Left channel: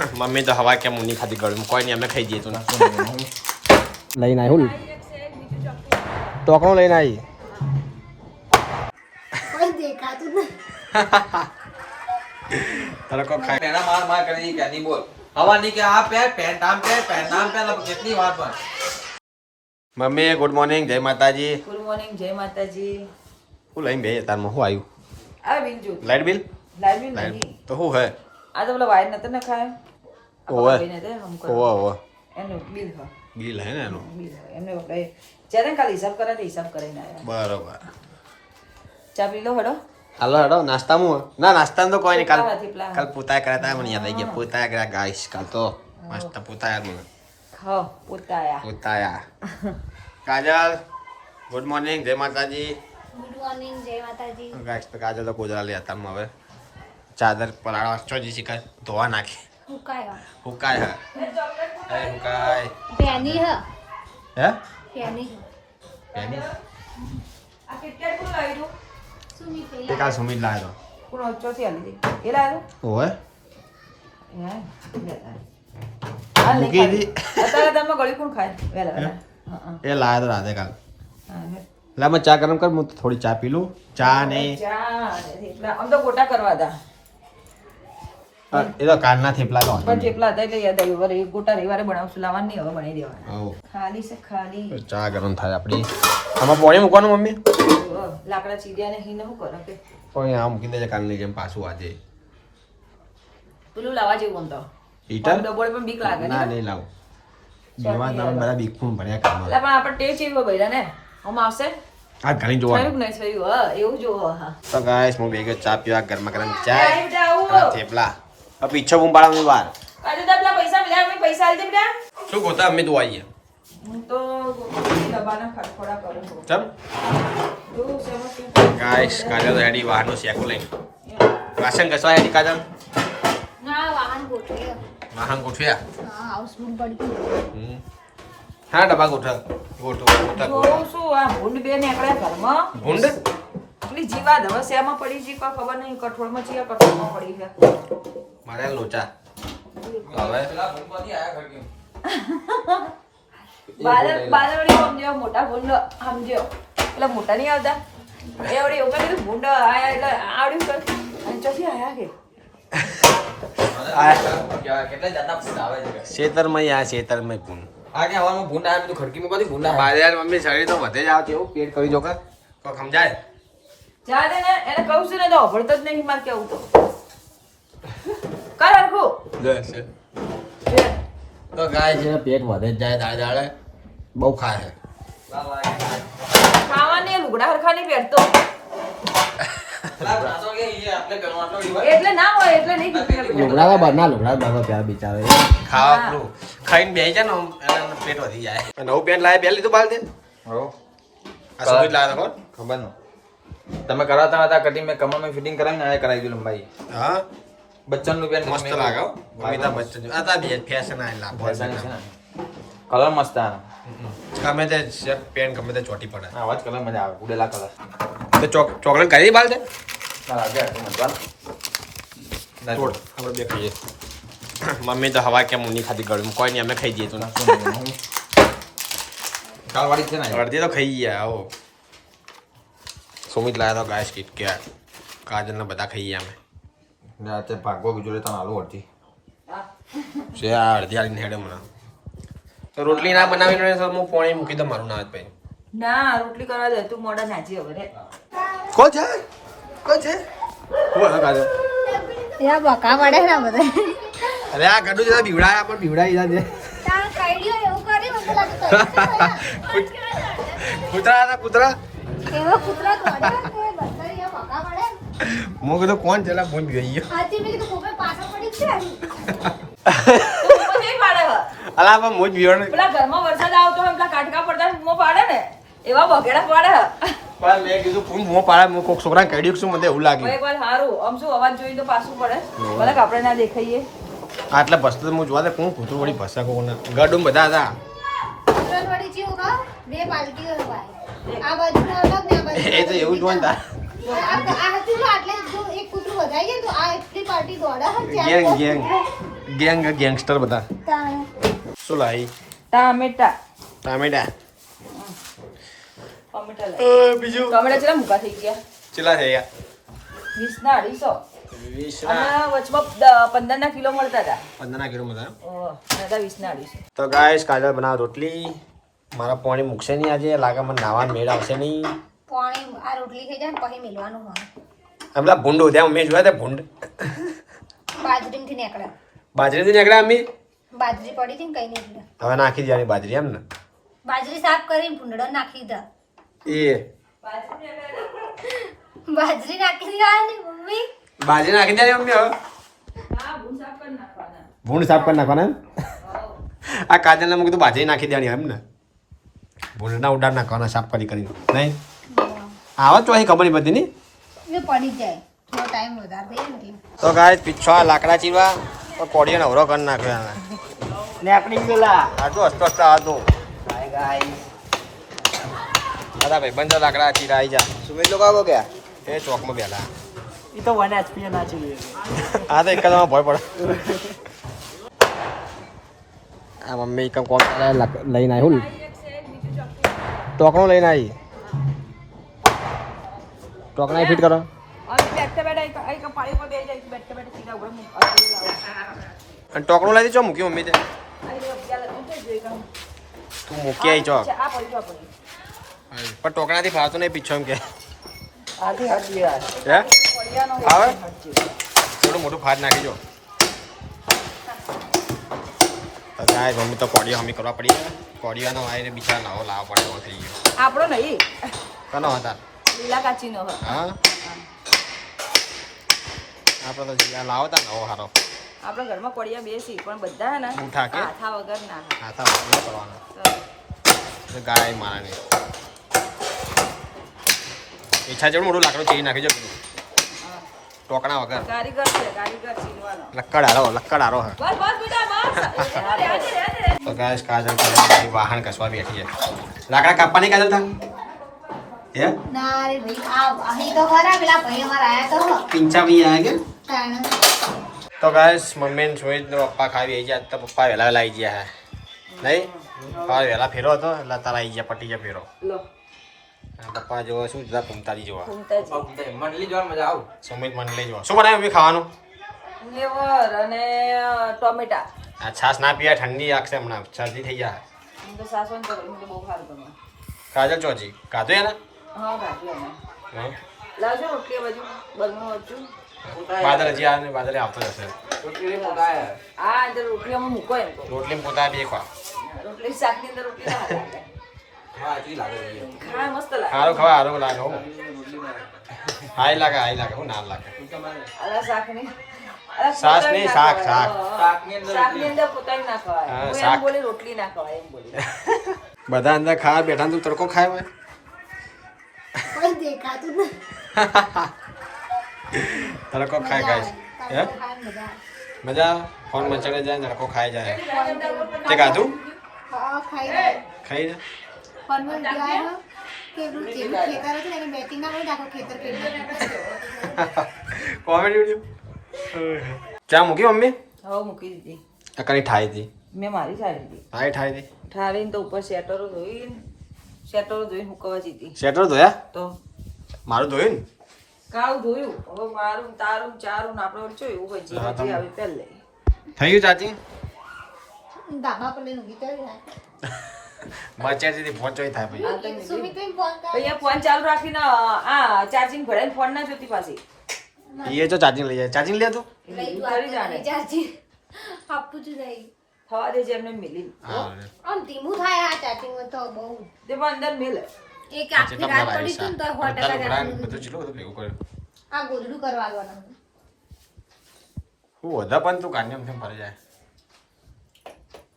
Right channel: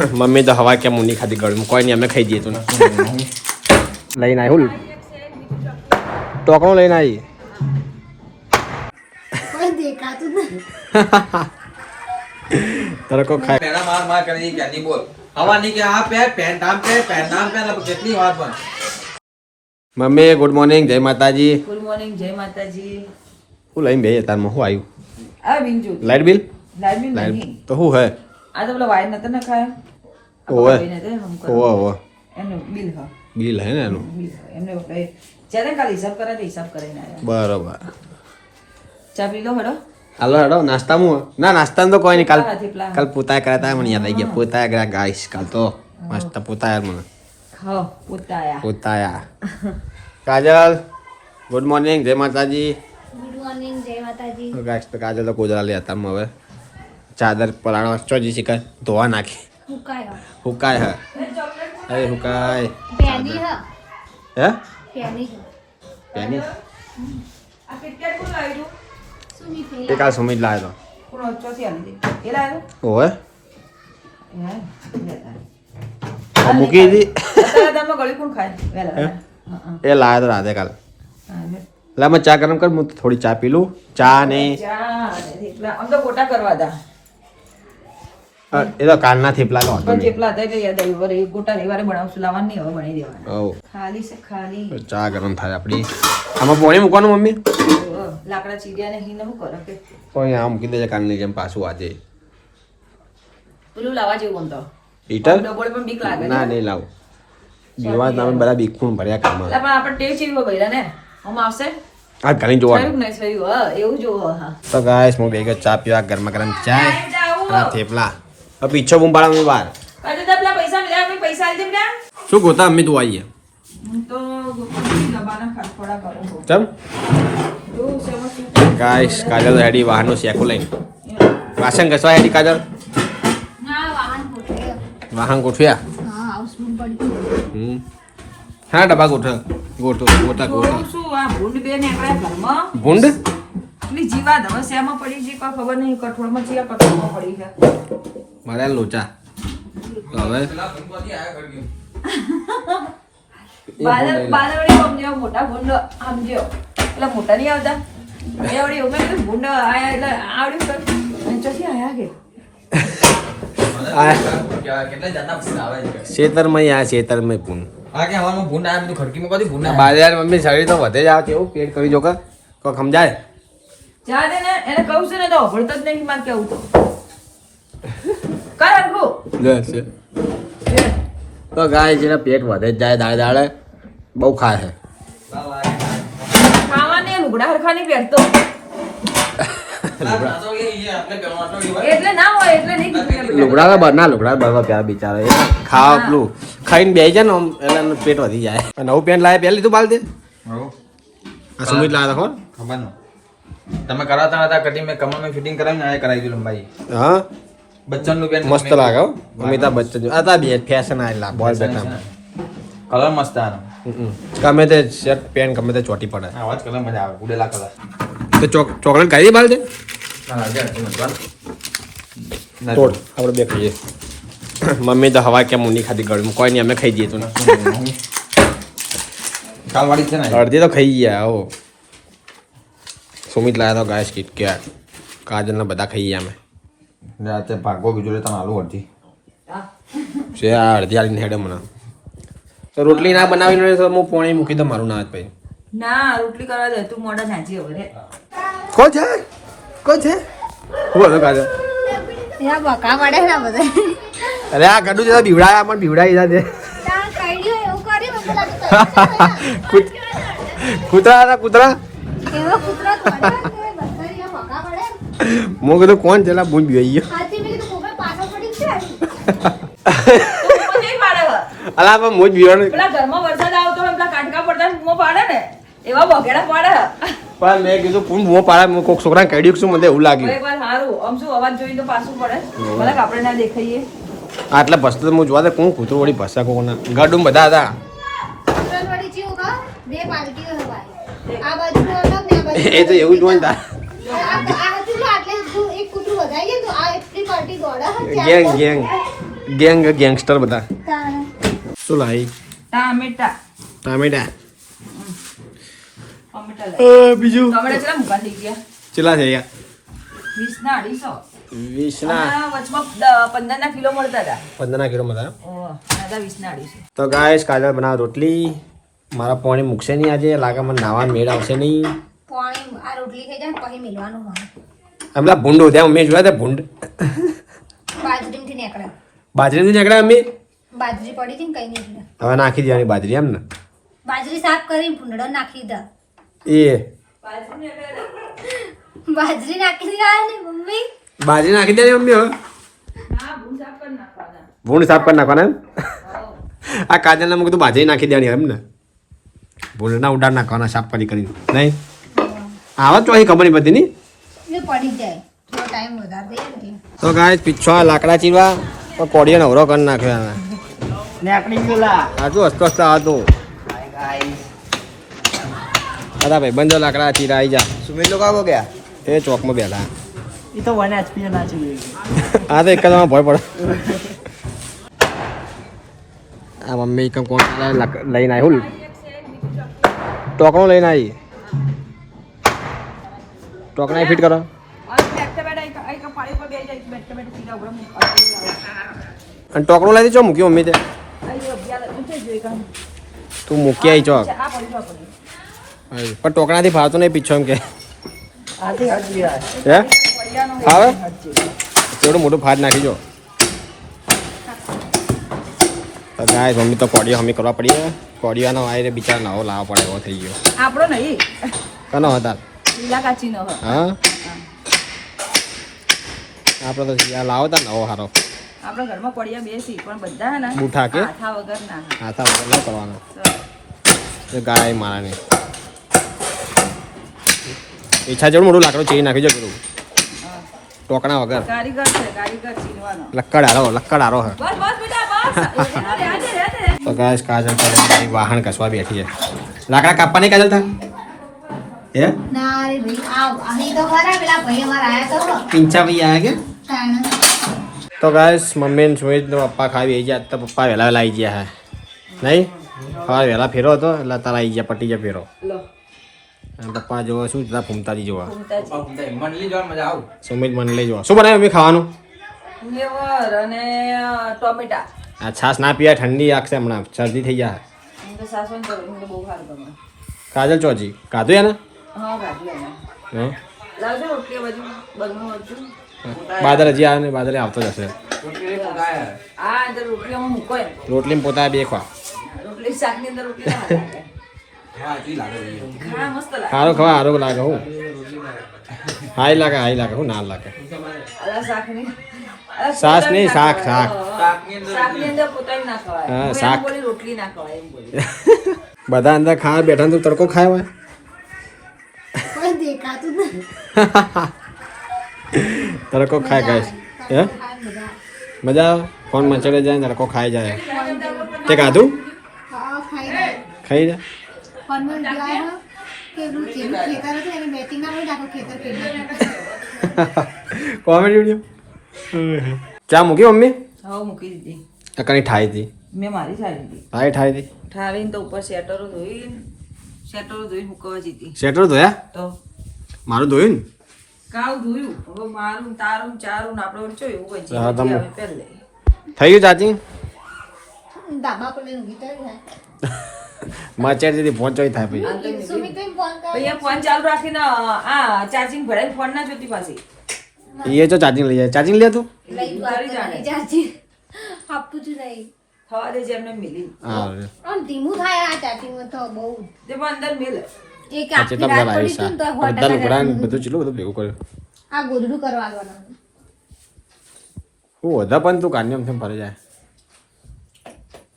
Mummy તો હવા કેમ ઊંડી ખાધી ગળું કોઈ નહીં અમે ખાઈ દઈએ તું લઈને આવી ટોકણું ટોકણો લઈને આવી કોઈ ખાય પહેલા માર માર કરીને કે નહીં બોલ. હવા નહીં કે આ પહેર પેન્ટ આમ પહેર પેન્ટ આમ પહેર કેટલી વાર પણ. મમ્મી ગુડ મોર્નિંગ જય માતાજી. ગુડ મોર્નિંગ જય માતાજી. હું લઈને બે તારમાં શું આવ્યું આ બિંજુ. લાઇટ બિલ લાઈટ બી તો શું હે? આ તો પેલા વાયર નતા નખાયા? આ ઓવે. ઓવા એનું બિલ હ બિલ હે ને એનું. એમને જ્યારે કાલે હિસાબ કરે તો હિસાબ કરીને આવ્યા બરાબર ચા પી લો હડો હાલો હેડો નાસ્તામાં ના નાસ્તામાં તો કોઈ નહીં કાલ. કાલ પોતા કર્યા હતા મને યાદ આવી ગયા પોતા કર્યા ગાઈસ કાલ તો મસ્ત પોતાયા મને હા પોતાયા પોતાયા કાજલ ગુડ મોર્નિંગ જય માતાજી ગુડ મોર્નિંગ જય માતાજી ગાઈસ તો કાજલ તો કોજરા લેતા હવે ચાદર પલાળવા ચોજી શીખર ધોવા નાખી હુકાય હે. એ હુકાય. પેની હ. હે? પેની પેની? તે કાલ સુમિત લાવ્યો ઓછોથી આલી દે એ લાવ્યો. મૂકી રાધે કાલ. હા, લે. લા મેં ચા ગરમ કર હું થોડી ચા પી લઉં. ચા ને. આમ તો ગોટા કરવા એ તો કાલના થેપલા તો પણ થેપલા હતા કે યાદ આવ્યું વરે ગોટા રવિવારે બનાવશું લાવવાની હવે બની દેવાના ખાલી છે ખાલી. ચા ગરમ થાય આપડી આમાં પાણી મૂકવાનું મમ્મી? લાકડા ચીડિયા ને હિને શું કરો કે કોઈ આ મૂકી દેજે કાલની જેમ પાછું આજે. પેલું લાવવા જેવું તો. હીટર? ડબોળે પણ બીક લાગે ના. નહીં લાવો. બીવા તમે બધા બીકું ભર્યા કામ એટલે પણ આપણે ટેસ્ટ એવી ભર્યા ને આમ આવશે. આ ઘણી જોવા નહીં એવું જોવો હા. તો ગાઈસ હું ભેગો ચા પીવા ગરમા ગરમ ચા અને થેપલા. હવે પીછો બુંબાળા બહાર કાજુ તો પેલા પૈસા મળ્યા આપણે પૈસા આલી દે બેટા શું ગોતા અમે તું આઈએ. તો શું? ગાઈસ કાજલ હેડી વાહનનું શેકું લઈને. વાસણ ઘસવા હેડી કાજલ? વાહન ગોઠવ્યા. હા હાઉસમાં પડી હમ. હા ડબ્બા ગોઠવ. ગોઠવ ગોટા આ ભૂંડ બે ને ઘરમાં. ભૂંડ? પડી છે કોઈ ખબર નહીં કઠોળમાં છે કઠોળમાં પડી છે. મળ્યા લોચા હવે બાદરવડી સમજો મોટા ભૂંડ સમજો એટલે મોટા નહીં આવતા. એ આવડી ઊભા આયા એટલે આવડ્યું કર ચોથી આયા કે? આ કેટલા જાતના ભૂંડ. આવે છે શેતરમાં આ શેતરમાં પૂન બાજાર મમ્મી શરીર તો વધે જ આવે છે એવું પેટ કરી જો કા સમજાય? જા ને એને કહું છે ને તો અભળતો જ નહીં મારે કેવું તો. તો ગાય જેના પેટ વધે જ જાય દાડે દાડે બહુ ખાય છે. ખાવાને લુગડા હરખા પહેરતો. ના હોય એટલે નહીં લુગડા. લુગડા લુગડા બરવા પ્યા બિચારા ખાવા પેલું. ખાઈને બેસી જાય ને આમ એટલે પેટ વધી જાય. નવું પેન્ટ લાવે પહેલી લીધું બાલ દે આ સુમિત લાવ્યા ખબર? ખબર તમે કરાવતા હતા કટિંગ મેં કમર કમરમાં ફિટિંગ કરાવીને આ કરાવી દીધું લંબાઈ. હા? બચ્ચનનું પેન્ટ મસ્ત લાગે હો અમિતાભ બચ્ચન. આ તા બે ફેશન બોલ બેટા કલર મસ્ત આનો ગમે તે શર્ટ પેન્ટ ગમે તે ચોટી પડે આવા જ કલર મજા આવે ઉડેલા કલર તો ચોક ચોકલેટ ખાઈ બાલ દે તોડ આપણે બે ખાઈએ મમ્મી તો હવા કેમ નહીં ખાધી ગળું કોઈ નહીં અમે ખાઈ દઈએ તું કાલ છે ને અડધી તો ખાઈ ગયા હો સુમિત લાયા તો ગાય કીટ કે કાજલના બધા ખાઈ ગયા અમે રાતે ભાગો બીજો લેતા આલુ અડધી. છે આ અડધી આલીને હેડે મને. તો રોટલી ના બનાવીને તો હું પોણી મૂકી દઉં મારું ના જ ભાઈ ના રોટલી કરવા દે તું મોડા નાચી હવે કો છે? કો છે? બોલો કાજલ? ત્યાં બકા પડે ને બધા. અરે આ ગડું જતા બીવડાયા પણ બીવડાઈ કૂત- કૂતરા? હતા કૂતરા એવો કૂતરો કાઢ્યો કે બધા અહીંયા બકા કીધું કોણ ગઈ મેં તું બૂમો નહીં પાડે હવે. અલા પણ મુજ બીવાનું પેલા ઘરમાં વરસાદ આવતો હોય પેલા કાટકા પડતા મો પાડે ને. એવા બગેડા પાડે. પણ મેં કીધું કોણ મો પાડે? મેં કોક છોકરાને કાઢ્યું છું શું મને એવું લાગ્યું. એકવાર સારું આમ શું અવાજ જોઈ તો પાછું પડે. ભલે આપણે ના દેખાઈએ. આટલા ભસતા તો હું જોવા દે કોણ કૂતરું વળી ભસા કોના ગડું બધા હતા. એ તો એવું જ હોય ને તાર આ આ હતું જો આટલે જો એક કૂતરું વધારીએ તો આ એટલી પાર્ટી દોડે છે, ચાર ગેંગ ગેંગ. ગેંગ ગેંગસ્ટર બધા. શું લાવી ટામેટા. ટામેટા. બીજું? ટમેટા કેટલા મૂકા થઈ ગયા? ચેલા થઈ ગયા. વીસ ના અઢીસો. માં તો ગાઈસ કાજલ બનાવ રોટલી. મારા પાણી મૂકશે નહીં આજે. લાગે મને નાવાનું મેળ આવશે નહીં. પાણી આ રોટલી ખાઈ જાય ને પછી મેલવાનું હોય હમણાં ભૂંડ ઉદ્યા મમ્મી જોયા હતા ભૂંડ. બાજરીમાંથી નીકળે. બાજરીથી નીકળ્યા મમ્મી બાજરી પડી હતી ને કઈ નહીં હવે નાખી દેવાની બાજરી એમ ને? બાજરી સાફ કરીને ભૂંડળો નાખી દા એ. બાજરી નાખી દેવાની મમ્મી? બાજરી નાખી દેવાની મમ્મી હવે? હા ભૂંડ સાફ કરી નાખવાના. ભૂંડ સાફ કરી નાખવાના એમ? આ કાજલને મૂકી તું બાજરી નાખી દેવાની એમ ને? ભૂંડના ઉડાડ નાખવાના સાફ કરી કરીને. નહીં? આવા તો અહીં કંપની બધીની પડી જાય. તો ગાય પીછો લાકડા ચીરવા તો કોડિયા નવરો કરી નાખ્યો એને. આટલું હસતો હસતો હતું અરે ભાઈ બંધો લાકડા ચીરા આવી જા એ ચોકમાં બેઠા. એ તો વન એચપી ના જોઈએ આ તો એક જ ભય પડે. આ મમ્મી કમ કોણ લક- લઈને આવ્યું ટોકણું લઈને આવી ટોકણા ફિટ કરો. અને ટોકણું લાવી ચો મૂક્યું મમ્મી તે. તું મૂકી આવી ચોક પણ ટોકણાથી ફાવતો નહીં પીછો એમ કે. ફાવે? એવડું મોટું ફાટ નાખી જો. ગાય મમ્મી તો કોડીઓ હમી કરવા પડી કોડીઓનો આવીને બિચારા નવો લાવવા પડે એવો થઈ ગયો. આપણો નહીં. કનો હતા? લીલા કાચીનો હ. આપણે તો આ લાવો તા નવો હારો. આપણા ઘરમાં પડિયા બેસી પણ બધા ને બૂઠા કે? હાથા વગર ના. હાથા વગર ના કરવાના. ગાય મારાને ઈચ્છા જેવું મોટું લાકડું ચીરી નાખી જો પેલું. ટોકણા વગર. કારીગર છે કારીગર ચીનવાનો લક્કડ આરો લક્કડ આરો હે. તો ગાય કાજલ કાજલ વાહન કસવા બેઠી છે. લાકડા કાપવાની કાજલ તા હે? ના. પિંચા ભાઈ આયા કે? તો. ગાઈસ મમ્મી ને સુમિત ને પપ્પા ખાવી આવી ગયા તો પપ્પા વહેલા વહેલા આવી ગયા હે. નહીં? હા વહેલા ફેરો હતો એટલે તારા આવી ગયા પટી ગયા ફેરો. પપ્પા જોવા શું જતા ફૂમતાજી જોવા. જોવા સુમિત મને લઈ જોવા. શું બનાવ્યું મમ્મી ખાવાનું? ટોમેટા. આ છાશ ના પીયા ઠંડી આખશે હમણાં શરદી થઈ જાય હું. તો સાસુને કરું હું તો બહુ સારું ગમે. કાજલ ચોજી કાધું એને? હા બાદલ હજી આવે ને બાદલે આવતો જ હશે. રોટલી પોતા બે ખવા. રોટલી શાકની અંદર રોટલી ના લાગે. હા હજી લાગે છે. હા મસ્ત લાગે. સારો ખવા હારો લાગે હું. હાઈ લાગે હાઈ લાગે હું ના લાગે. સાસ નહીં, શાક, શાક. હા, શાક. બધા અંદર ખાવા બેઠા તું તડકો ખાય હોય. દેખાતું નથી. તડકો ખાય ગાઈસ. હે? મજા આવે? ફોન મચડે જાય તડકો ખાઈ જાય. તે ખાધું? ખાઈ જાય. કોમેડી વીડિયો ચા મૂકી મમ્મી? હા મૂકી દીધી. કઈ ઠાઈ હતી? મેં મારી સારી દીધી ઠાઈ ઠાઈ હતી? ઠાવીને તો ઉપર શેટરો ધોઈને શેટરો ધોઈને હુકવા જીતી શેટરો ધોયા? તો. મારું ધોયું ને? કાળું ધોયું. હવે મારું તારું ચારું ને આપણે ઓછો એવું હોય પહેલે. થઈ ગયું ચાચી? ધાબા પર લઈને કરી જાય. મચેડ દીધી થાય ભાઈ ફોન. અહીંયા ફોન ચાલુ રાખીને આ ચાર્જિંગ ભરાઈને ફોન ના જોતી પાછી. એ તો ચાર્જિંગ લઈ જાય. ચાર્જિંગ લે તું? લઈ જવા જાણે. ચાચી. આપું છું. થવા દે જેમને એમને મિલી. હા. આમ ધીમું થાય આ ચાચીમાં તો બહુ. તે પણ અંદર મિલ. એક પછી આખી લાવી પડી સા બધા લુગડા બધું ચીલું બધું ભેગું કર્યું. આ ગોદડું કરવા આગળ હું વધા પણ તું કાન્યમથી ફરે જાય.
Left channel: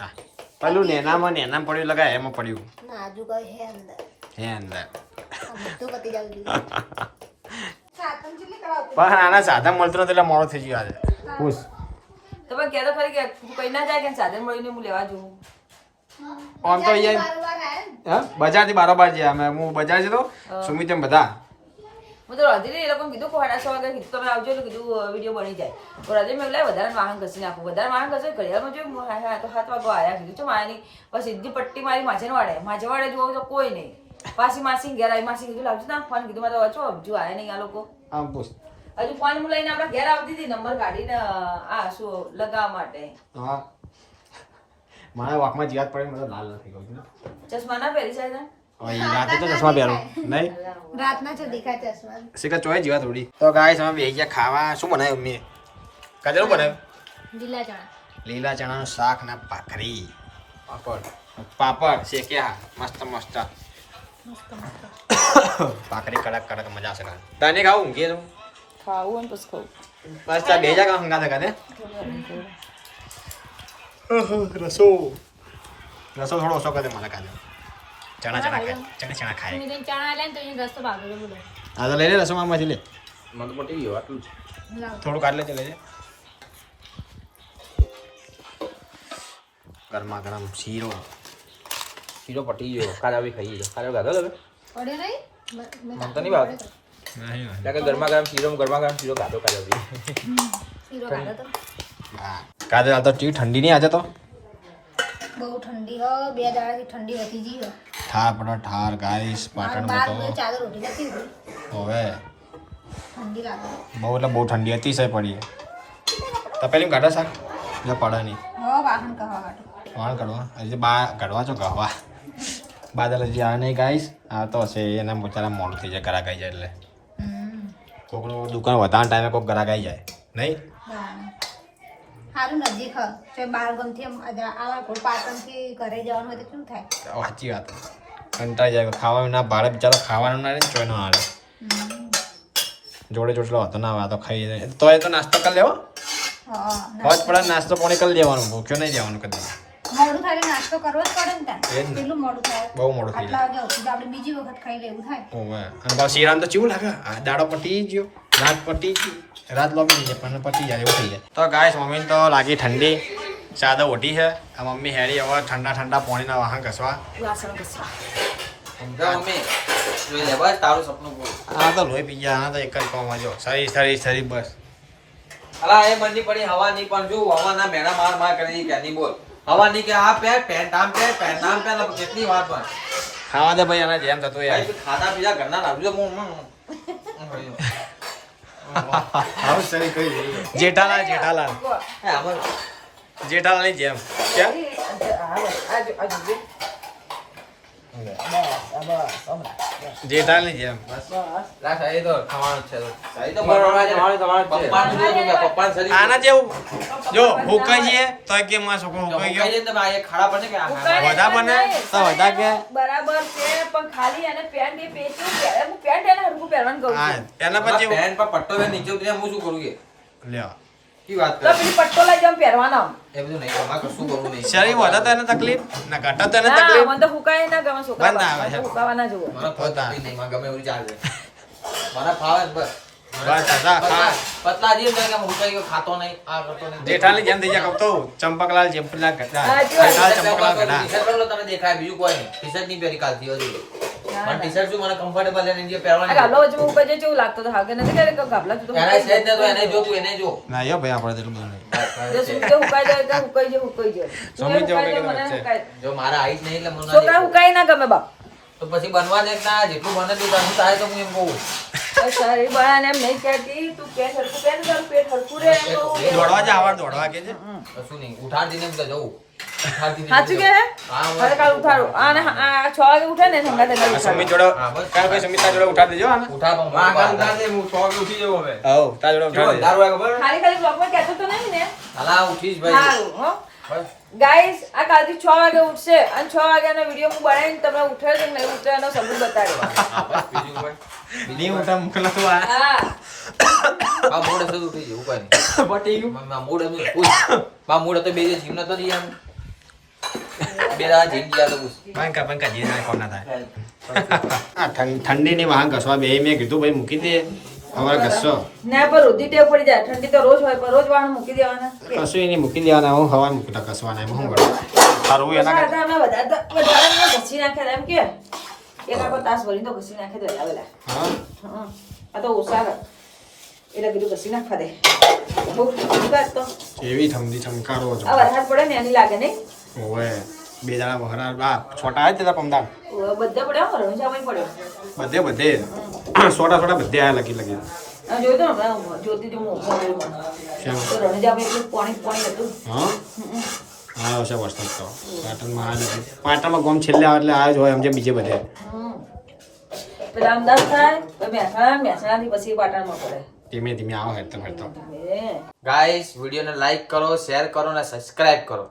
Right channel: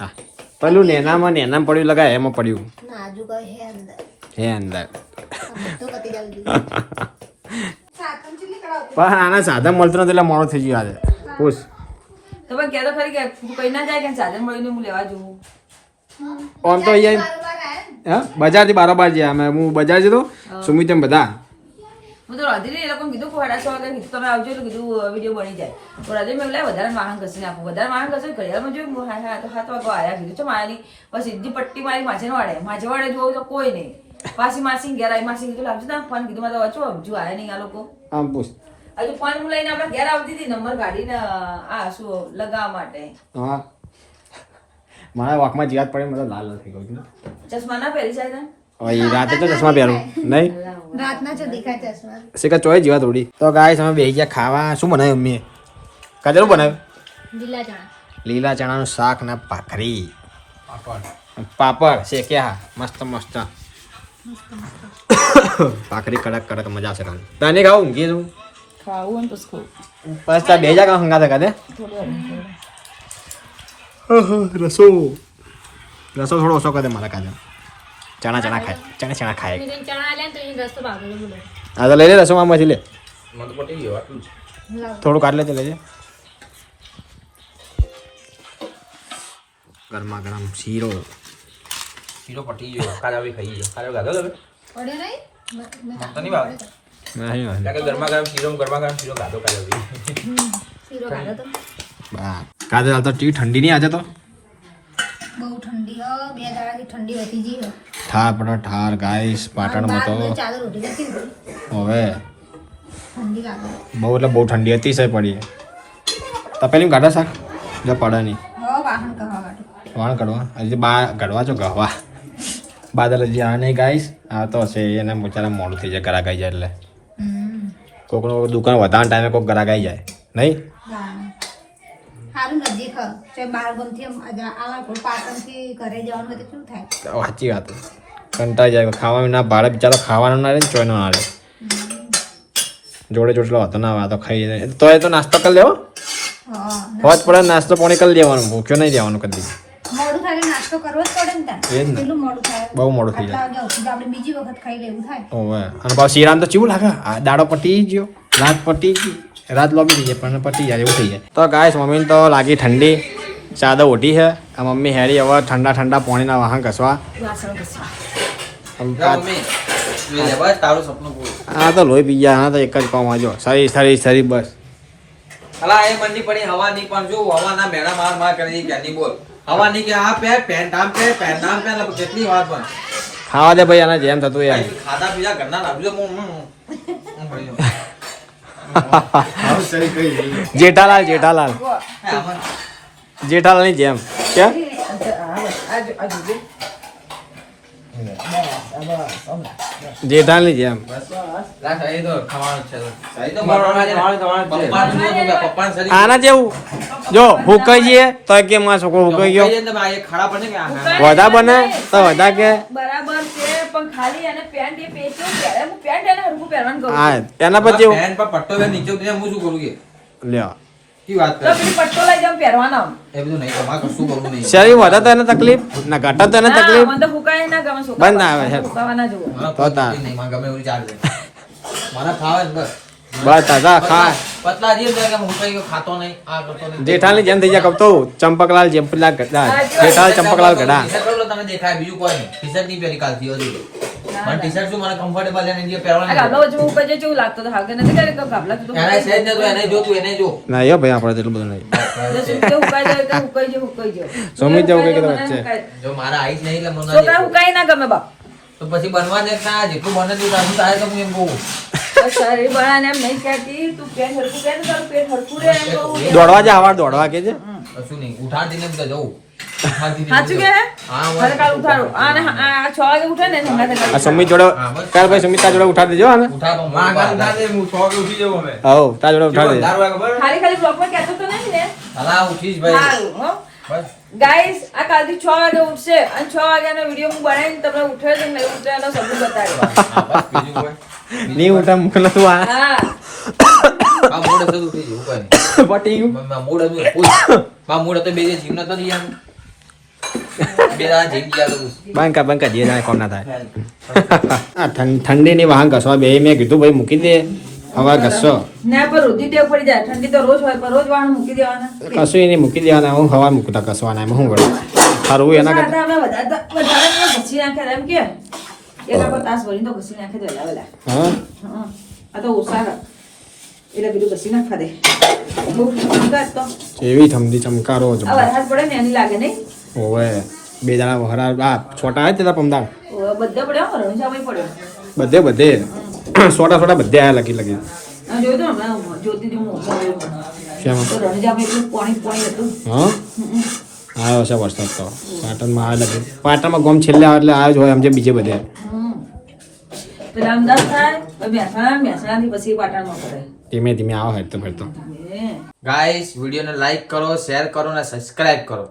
હા. પેલું નેનામાં નેનામાં પડ્યું લગાય એમાં પડ્યું. હે અંદર. બધું પણ આના સાધા મળતો નથી એટલે મોડો થઈ ગયો આજે. પૂછ. તો પણ કહેતો ખરી કે તું કઈ ના જાય કે સાધન મળીને હું લેવા જવું આમ તો અહીંયા. હા? બજારથી બારોબાર ગયા અમે હું બજાર જતો સુમિત એમ બધા. હું તો રાધીને એ લોકોને કીધું કે સાડા વાગે તમે આવજો એટલે કીધું વીડિયો બની જાય. તો રાધીને મેં વધારે વાહન ઘસી નાખું વધારે વાહન ઘસે ઘડિયાળમાં જોયું હું હા હા તો સાત વાગો આવ્યા કીધું તો મારી બસ સીધી પટ્ટી મારી માછે વાળે માછે વાળે જોવું તો કોઈ નહીં. પાછી માસી ઘેર આવી માસી કીધું લાવજો ના ફોન કીધું મારે વચો હજુ આવ્યા નહીં આ લોકો. આમ પૂછ. હજુ ફોન લઈને આપણે ઘેર આવતી હતી નંબર કાઢીને આ શું લગાવવા માટે. હા. મારા વાંકમાં જીવાત પડે મને લાલ નથી કહું છું ચશ્મા ના? પહેરી છે રાતે તો ચશ્મા પહેરું. નહીં? રાતના છો દેખાય ચશ્મા. શીખર ચોય જીવાત ઉડી તો ગાય અમે બેહી ગયા ખાવા. શું બનાવ્યું મમ્મીએ? શું બનાવ્યું? લીલા ચણા. લીલા ચણાનું શાક ને ભાખરી. પાપડ. શેક્યા મસ્ત મસ્ત. ભાખરી કડક કડક મજા આવશે કાલે તને ખાવું? ઊંઘીએ તું ખાવું તો બસ બે જા કામ હંગા કાદે રસો. રસો થોડો ઓછો કરે દે મારા કાજુ ચણા ચણા ખાય. ચણા ચણા ખાય. ચણા લે તો એ રસ્તો હા તો લઈ લે રસો આમાંથી લે. મને પટી ગયો આટલું થોડું કાઢ લેજે લેજે. ગરમા ગરમ શીરો. શીરો પટી ગયો કાજા આવી ખાઈ ગયો. કાજા ગાધો તમે? પડે નહીં? મ- મ- તો નહીં ભાવ નહીં કે ગરમા ગરમ શીરો ગરમા ગરમ શીરો ગાધો કાજા આવી. શીરો ગાધો તો. બા. કાજે રાત તો ટી ઠંડી નહીં આજે તો? બહુ ઠંડી હો બે દાડાથી ઠંડી હતી જી ઠાર પડો ઠાર ગાઈસ પાટણમાં તો. ચાદર ઉઠી જતી હવે. ઠંડી લાગે. બહુ એટલે બહુ ઠંડી અતિશય પડી પેલી ગાડા જો પડે નહીં. હો વાહન કહવા માટે. કરવા હજી બા કાઢવા છો ગવા બાદલ હજી આ નહીં ગાઈશ આ તો હશે એને બિચારા મોડું થઈ જાય ઘરા ગાઈ જાય એટલે. કોકનો દુકાન વધારે ટાઈમે કોઈક ઘરા ગાઈ જાય. નહીં? સારું નજીક હ. તો બાર ગમથી આવા પાટણથી ઘરે જવાનું હોય તો શું થાય? સાચી વાત. કંટાળી જાય. ખાવાનું ના ભાડે બિચારો ખાવાનું ના રે ચોયનો ના રે. જોડે જોડલો હતો ના વાતો ખાઈ તો એ તો નાસ્તો કરી લેવો? હોજ પડે નાસ્તો પાણી કરી લેવાનું ભૂખ્યો નહીં જવાનું કદી. બહુ મોડું થઈ જાય. બીજી વખત ખાઈ લેવું થાય? અને પાછું શીરામ તો ચીવું લાગે? દાડો પટી ગયો નાક પટી ગઈ. રાત લોબી થઈ જાય પણ પછી યાર એવું થઈ જાય તો ગાય મમ્મીને તો લાગી ઠંડી. ચાદર ઓઢી છે. આ મમ્મી હેરી હવે ઠંડા ઠંડા પાણીના વાહન ઘસવા. મમ્મી. આ તો લોહી પી ગયા આના તો એક જ કામ આજો સરી સરી સરી બસ. અલા એ મંડી પડી હવા નહીં પણ જો હવાના મેણા માર માર કરી દી ક્યાંની બોલ. હવા નહીં કે આ પહેર પેન્ટ આમ પહેર પેન્ટ આમ પહેર કેટલી વાર પણ. ખાવા દે ભાઈ આના જેમ થતું યાર ખાતા પીતા ઘરના હું હું- હું- જેઠાલાલ જેઠાલાલ. જેઠાલાલની જેમ. કેમ જેઠાલાલની જેમ. આના જેવું. જો ભૂકાઈ જઈએ તો કે માં છોકરો ભૂકાઈ ગયો. વધા બને તો વધા કે. બરાબર છે પણ ખાલી એને પેન્ટ એ પેચો પહેરે. હું પેન્ટ એને હરખું પહેરવાનું કહું હા છું. એના પર જેવું પેન પટ્ટો નીચે હું શું કરું કે? લ્યો. શરીર વધા તો એને તકલીફ? ના ઘટા તો એને તકલીફ? મને તો ફૂંકાય ના ગમે છોકરા બંધ આવે છે. ફૂંકાવા ના જુઓ. મને તો તાર. કોઈ નહીં મને ગમે એવું ચાલે મને ફાવે જ બસ. બસ દાદા ખા પતલા જે તો કે હું કઈ ખાતો નહીં આ કરતો નહીં. જેઠાની જેમ થઈ જાય કહું તો ચંપકલાલ જેમ ગઢા જેઠાલાલ ચંપકલાલ ગઢા તમે દેખાય બીજું કોઈ નહીં. મને ટી-શર્ટ શું મને કમ્ફર્ટેબલ એને જે પહેરવાની ગાબલા વચ્ચે ઉપર જે જેવું લાગતો હતો હાગે નથી કે ગાબલા તો એને સહેજ ન તો એને જો તું એને જો. ના યો ભાઈ આપણે એટલું બધું નહીં. જે જાય તો જેવું વચ્ચે. જો મારા આઈસ નહીં એટલે મને તો ના હુકાય ના ગમે બાપ. તો પછી બનવા દે ના જેટલું બને તે હું તારે તો હું એમ કહું. તો તું ને. દોડવા જા આવા દોડવા કે છે? કશું નહીં બધા જવું હે? હા. આ ને ને તેને આ સુમિત જોડે કાલ ભાઈ સુમિતા જોડે ઉઠાડી દેજો આને ઉઠાડો તાર જોડે ઉઠાડી દે ને ગાઈસ આ કાલથી છ વાગે ઉઠશે અને છ વાગ્યાનો વીડિયો હું બનાવીને તમને ઉઠે છે નહીં ઉઠે એનો સબૂત કોઈ? નહીં ઉઠા મુકલો તું આ. આ મૂડ તો ઉઠી જવું કોઈ નહીં. પટી ગયું મ- મ- મૂડ મા મૂડ હતો બે જે જીમ નતો લઈ આમ બે દાડા ગયા તો પૂછ. બંકા બંકા જે જાય કોણ આ ઠં- ઠંડીની વાહન ઘસવા બે મેં કીધું ભાઈ મૂકી દે. હવે ઘસો ના પર ઉધી ટેવ પડી જાય. ઠંડી તો રોજ હોય પર રોજ વાણ મૂકી દેવાના. કશું એને મૂકી દેવાના હું હવા મૂકતા કસવાના એમ હું કરું સારું એના કરતા. અમે વધારે વધારે ઘસી નાખ્યા એમ કે. એના પર તાસ ભરીને તો ઘસી નાખે તો વહેલા હા. આ તો ઓછા એટલે એવી ઠંડી ચમકારો આ વરસાદ પડે ને એની લાગે નહીં? ઓવે બે જણા વહરા આ છોટા આવે તેલા પમદાર બધે પડ્યો રણુજામાં પડ્યો બધે બધે. સોટા સોડા બધે આયા લગી લગી. આ હતી. હું? હતું છે વરસાદ તો. પાટણમાં આવે લગી. પાટણમાં ગોમ છેલ્લે આવે એટલે આવ્યો જ હોય સમજે બીજે બધે. હમ. પેલા અમદાવાદ થાય તો મહેસાણા મહેસાણાથી પછી પાટણમાં પડે. ધીમે ધીમે આવો હેરતો ફેરતો ગાઈસ વિડીયોને લાઈક કરો શેર કરો અને સબસ્ક્રાઇબ કરો.